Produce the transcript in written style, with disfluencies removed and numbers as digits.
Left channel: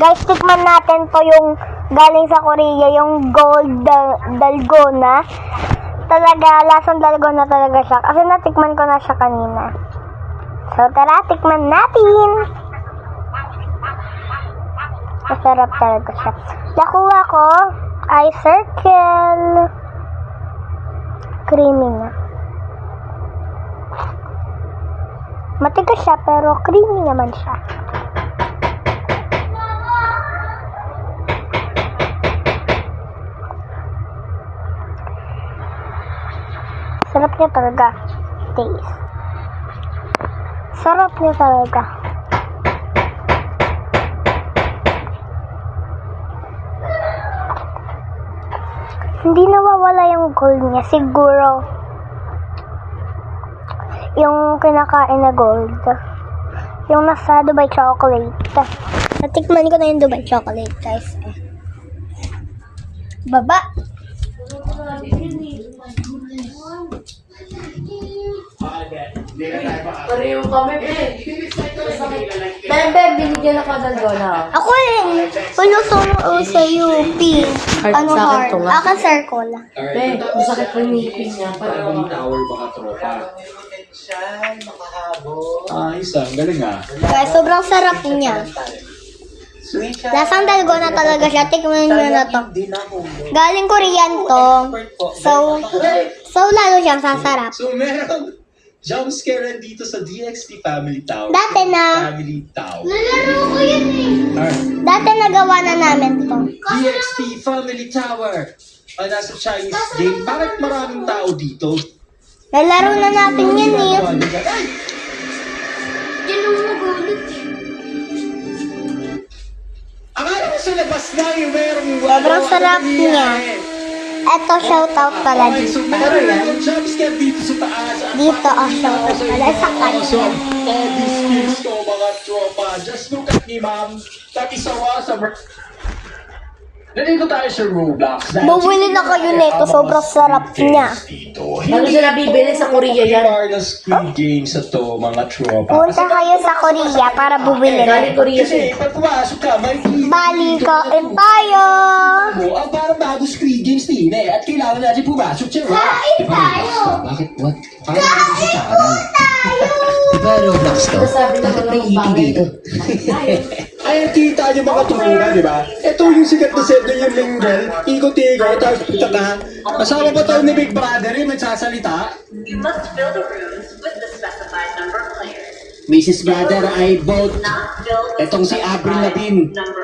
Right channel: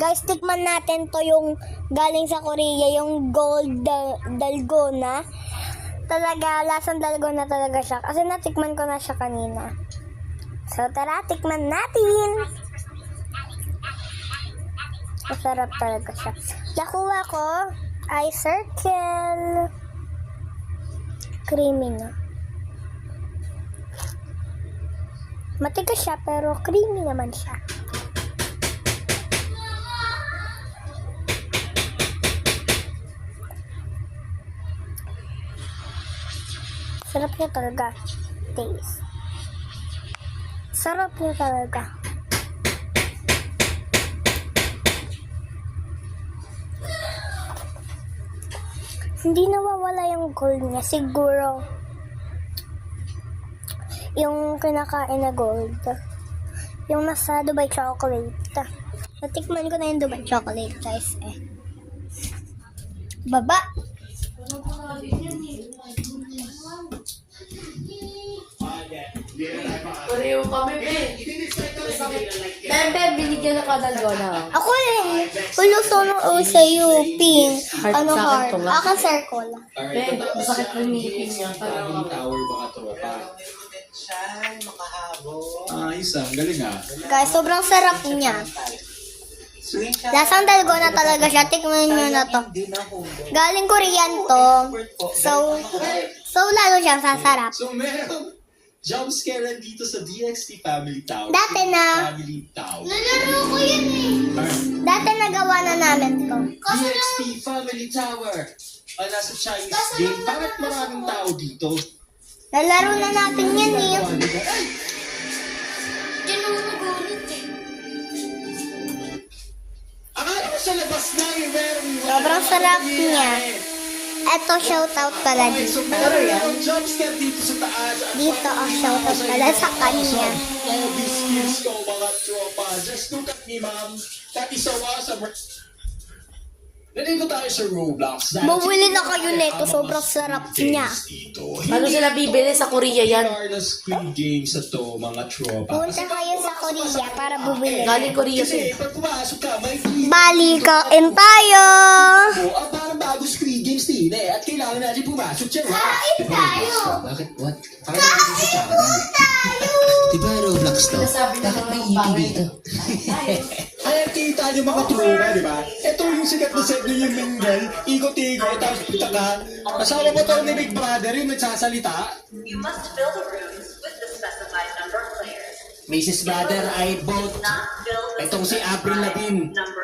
Guys, tikman natin to yung galing sa Korea, yung gold dalgona. Talaga, lasang dalgona talaga siya. Kasi natikman ko na siya kanina. So, tara, tikman natin. Masarap talaga siya. Nakuha ko ay circle. Creamy na. Matigas siya pero creamy naman siya. Sarap niya talaga. Taste. Sarap niya talaga. Hindi nawawala yung gold niya. Siguro, yung kinakain na gold. Yung nasa Dubai chocolate. Natikman ko na yung Dubai chocolate, guys. Baba. Pareho kami, be. Bebe, binigyan na ka dalgona. Ako eh. Puno sa UP. Ano Sa akin heart? to nga. Ako circle. Be, masakit ko yung ngipin niya. Family tower baka tropa. Ayos ah, galing ah. Guys, sobrang sarap niya. Lasang dalgona talaga siya. Tikman nyo na to. Galing Korean to. So lalo siyang sasarap. So meron jump scare dito sa DXT Family Tower. Dati na. Family Tower. Nalaro ko yun eh. Alright. Dati nagawa na namin to. DXT Family Tower. Nasa Chinese game. Bakit maraming tao dito? Nalaro na natin yan eh. Ay! Akala ko sa labas na yung merong Sobrang sarap niya. Eto, shoutout pala Okay, dito. so meron yung jump scare dito sa taas. Dito ang shoutout pala sa kanya. Awesome. All these skills ko mga tropa. Just look at me, ma'am. That is so awesome. Nandito tayo sa Roblox. Bumili na kayo nito, sobrang sarap niya. Ano sila bibili sa Korea yan? Mga Squid Games na to, mga tropa. Punta kayo sa Korea para bumili. Galing Korea Kasi siya. pag pumasok ka, makikita Bali, kain tayo! mo ang parang bago Squid Games din eh. At kailangan natin pumasok siya. Kain tayo! Bakit? What? Parang dito sa channel. Diba Roblox to? Sabi na ko lang bagay. Ay, kita niyo mga tropa, di ba? Ito yung sikat na set yung linggel. Ikot-ikot, tapos puta. Asawa ba tayo ni Big Brother yung nagsasalita? You must fill the rooms with the specified number of players. Mrs. Brother, I vote. Not filled with Etong si Avril Lavigne. number